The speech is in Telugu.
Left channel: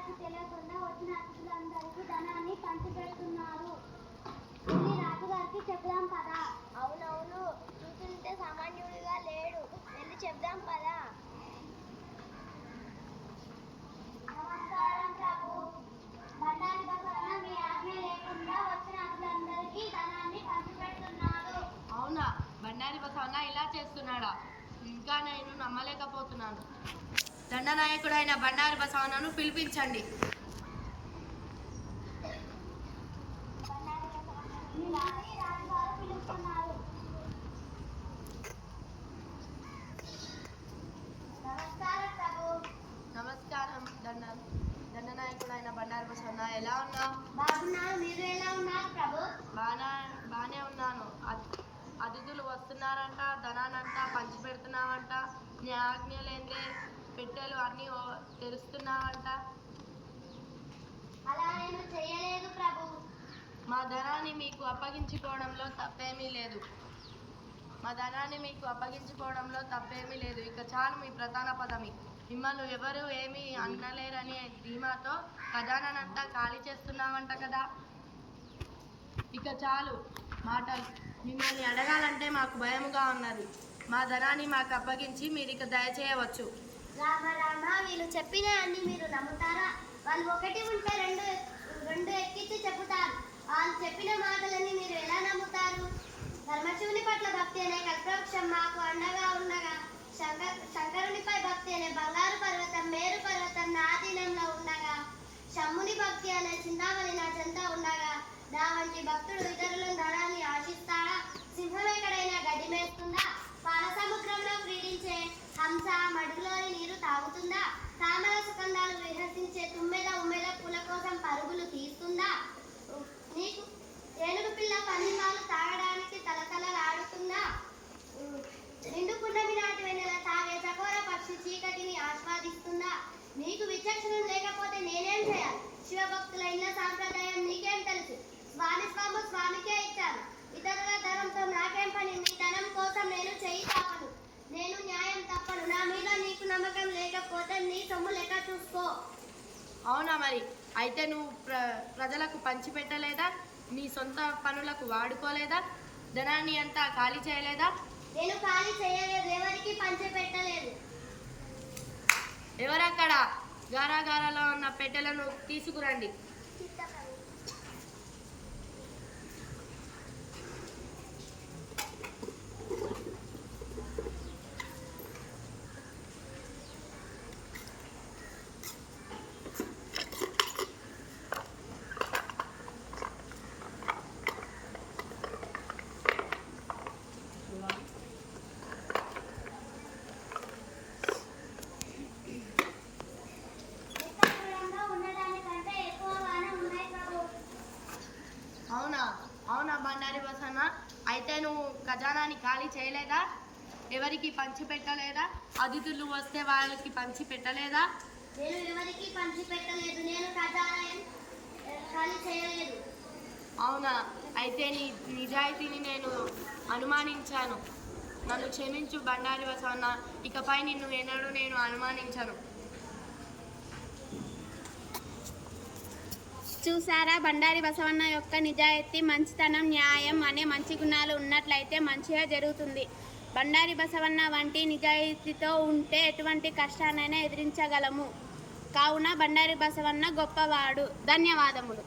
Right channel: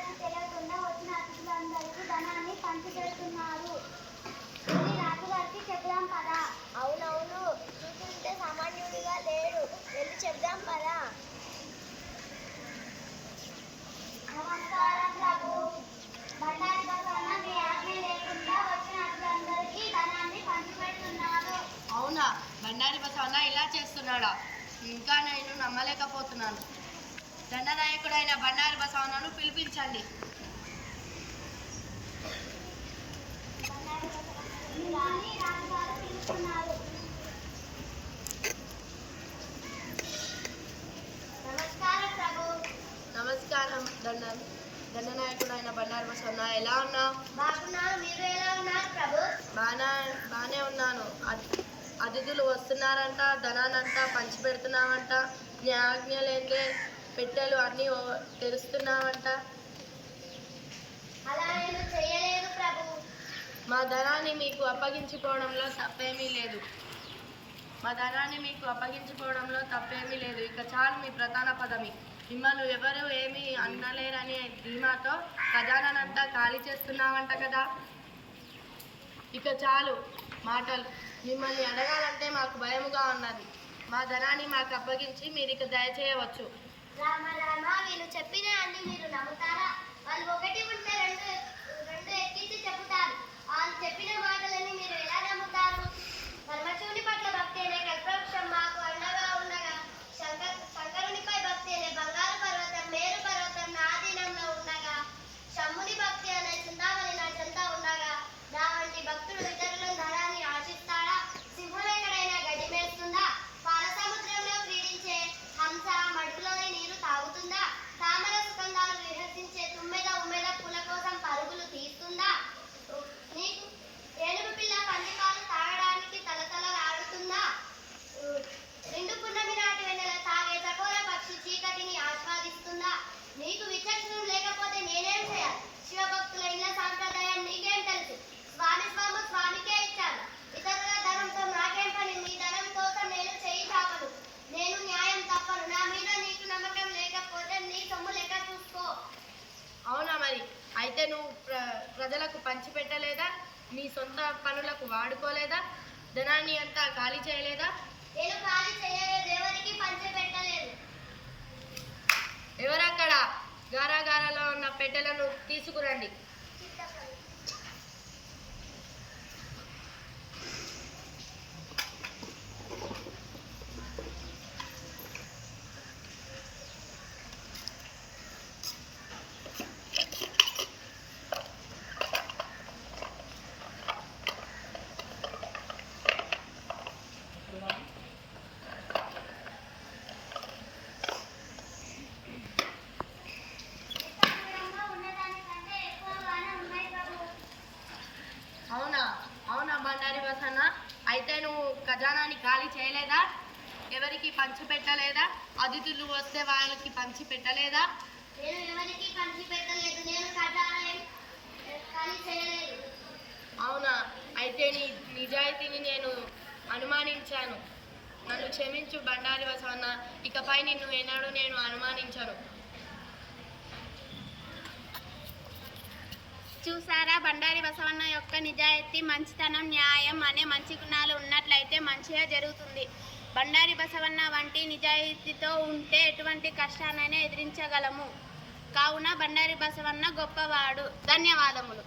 రాజుగారికి తెలియకుండా వచ్చిన అతిథులందరికీ ధనాన్ని పంచిపెడుతున్నారు. రాజుగారికి చెప్దాం పదా. అవునవును, చూస్తుంటే సామాన్యుడిగా లేడు, వెళ్ళి చెప్దాం పదా. నమస్కారం ప్రభు. బండారి బసవన్న మీ ఆజ్ఞ లేకుండా వచ్చిన అతిథులందరికీ ధనాన్ని పంచిపెడుతున్నారు. అవునా, బండారి బసవన్న ఇలా చేస్తున్నాడా? ఇంకా నేను నమ్మలేకపోతున్నాను. దండనాయకుడైన బండారి బసవన్నను పిలిపించండి. నమస్కారం దండనాయకుడైన బండారి బసవన్న, ఎలా ఉన్నావు? బాగున్నాను, మీరు ఎలా ఉన్నారు ప్రభు? బానే ఉన్నాను. అతిథులు వస్తున్నారంట, ధనానంతా పంచిపెడుతున్నావంట, నీ ఆజ్ఞ లేదే పెట్టెలు అన్నీ తెరుస్తున్నావంట. అలా నేను చేయలేదు ప్రభు. మా ధనాన్ని మీకు అప్పగించుకోవడంలో తప్పేమీ లేదు. ఇక చాలు మీ ప్రధాన పదవి. మిమ్మల్ని ఎవరు ఏమీ అనలేరనే ధీమాతో ఖజానానంతా ఖాళీ చేస్తున్నావంట కదా. ఇక చాలు మాటలు. మిమ్మల్ని అడగాలంటే మాకు భయముగా ఉన్నది. మా ధనాన్ని మాకు అప్పగించి మీరు ఇక దయచేయవచ్చు. రామ రామ, వీళ్ళు చెప్పిన అన్ని మీరు నమ్ముతారా? వాళ్ళు ఒకటి ఉంటే రెండు ఎక్కించి చెబుతారు. వాళ్ళు చెప్పిన మాటలని మీరు ఎలా నమ్ముతారు? పరమశివుని పట్ల భక్తి అనే కల్పవృక్షం మాకు అండగా ఉండగా, శంకరునిపై భక్తి అనే బంగారు పర్వతం, మేరు పర్వతం నా ఆధీనంలో ఉండగా, శమ్ముని భక్తి అనే చింతామణి నా చెంత ఉండగా, నా వంటి భక్తుడు ఇతరులను ధనాన్ని ఆశిస్తాడా? సింహం ఎక్కడైనా గడ్డి మేస్తుందా? పాల సముద్రంలో క్రీడించే హంస మడుగులోని నీరు తాగుతుందా? తామర సుగంధాలు విహసించే తుమ్మెద ఉమ్మెద పూల కోసం పరుగులు తీస్తుందా? నీకు ఏనుగు పిల్ల పందిపాలు తాగడానికి తలతలలాడుతుందా? నిండు పున్నమి నాటి వెన్నెల తాగే చకోర పక్షి చీకటిని ఆస్వాదిస్తుందా? నీకు విచక్షణం లేకపోతే నేనేం చేయాలి? శివభక్తుల ఇళ్ళ సాంప్రదాయం నీకేం తెలుసు? స్వామికే ఇచ్చాను. ఇతరుల ధనంతో నాకేం పని? నీ ధనం కోసం నేను చెయ్యి కాపను, నేను న్యాయం తప్పను. నా మీద నీకు నమ్మకం లేకపోతే నీ సొమ్ము లెక్క చూసుకో. అవునా, మరి అయితే నువ్వు ప్రజలకు పంచిపెట్టలేదా? నీ సొంత పనులకు వాడుకోలేదా? ధనాన్ని అంతా ఖాళీ చేయలేదా? నేను ఖాళీ చేయలేదు, ఎవరికి పంచిపెట్టలేదు. ఎవరక్కడ? గారాగారాలో ఉన్న పెట్టెలను తీసుకురండి. అవునా బండారి బసవన్న, అయితే నువ్వు ఖజానాన్ని ఖాళీ చేయలేదా? ఎవరికి పంచి పెట్టలేదా? అతిథులు వస్తే వాళ్ళకి పంచి పెట్టలేదా? నేను ఎవరికి పంచి పెట్టలేదు, నేను ఖజానా ఖాళీ చేయలేదు. అవునా, అయితే నీ నిజాయితీని నేను అనుమానించాను. నన్ను క్షమించు బండారి బసవన్న, ఇకపై నిన్ను ఎన్నడూ నేను అనుమానించను. చూసారా, బండారి బసవన్న యొక్క నిజాయితీ, మంచితనం, న్యాయం అనే మంచి గుణాలు ఉన్నట్లయితే మంచిగా జరుగుతుంది. బండారి బసవన్న వంటి నిజాయితీతో ఉంటే ఎటువంటి కష్టాన్నైనా ఎదిరించగలము. కావున బండారి బసవన్న గొప్పవాడు. ధన్యవాదములు.